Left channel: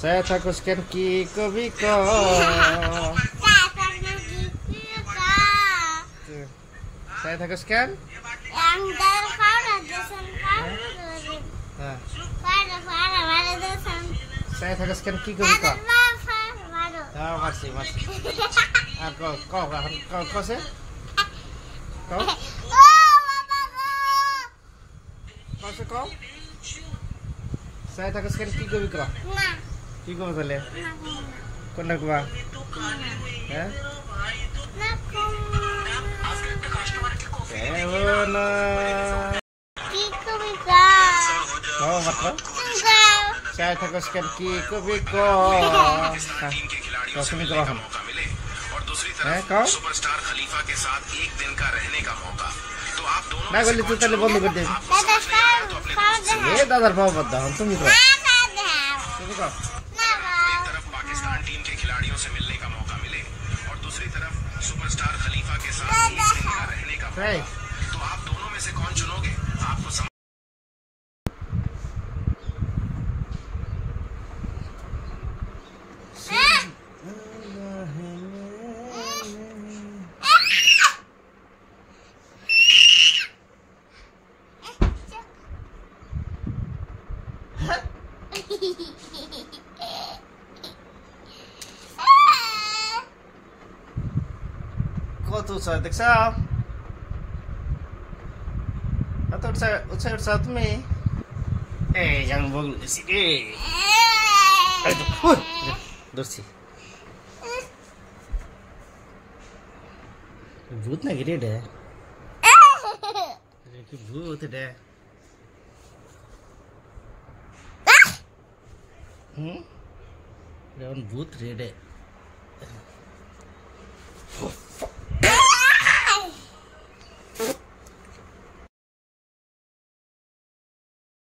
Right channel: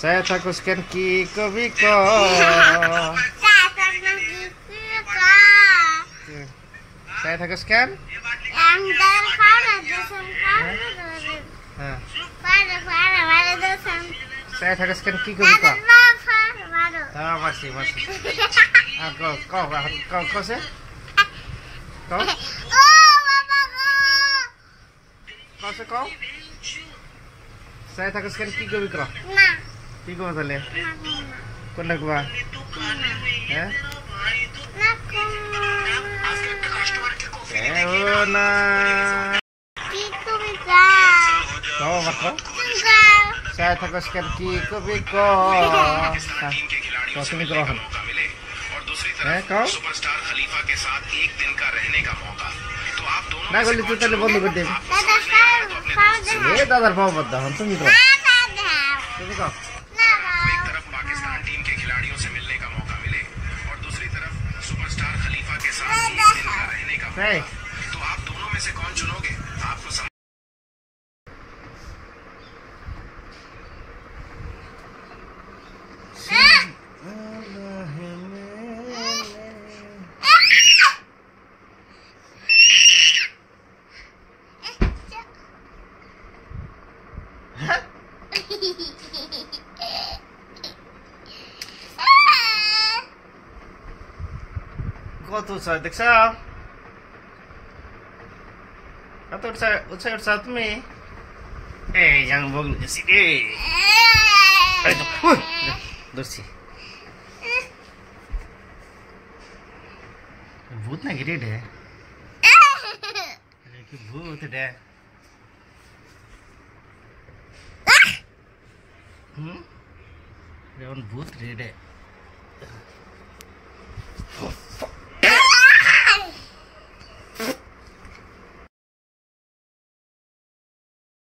Saya takut scan Kiko Biko. Saya takut scan. Saya takut scan Kiko Biko. Ah, masih. Kau sih? Kau? Kau sih kau? Saya takut scan Kiko Biko. Kiko betul ya? Kau nak apa? Ya? Nah. Kiko Biko. Kau apa? Saya takut scan Kiko Biko. Kau sini kau kan? Kau? Nah, kalau itu tadi bolu gede. Dadar पाव बद्दा हम तुम करो एक तरफ Pakistan team के खिलाड़ियों से मिलने का मौका मिले और दूसरी तरफ सुपरस्टार खलीफा के साथ एक दिन का रहने का मौका, तो आप दोनों में से कौन चुनोगे? आपको kau tu saya deksa, atau saya saat ni, jangan bohong sini, ayo, dosi, भूत ना गिरे डे, कि भूत डे, भूत रे डे।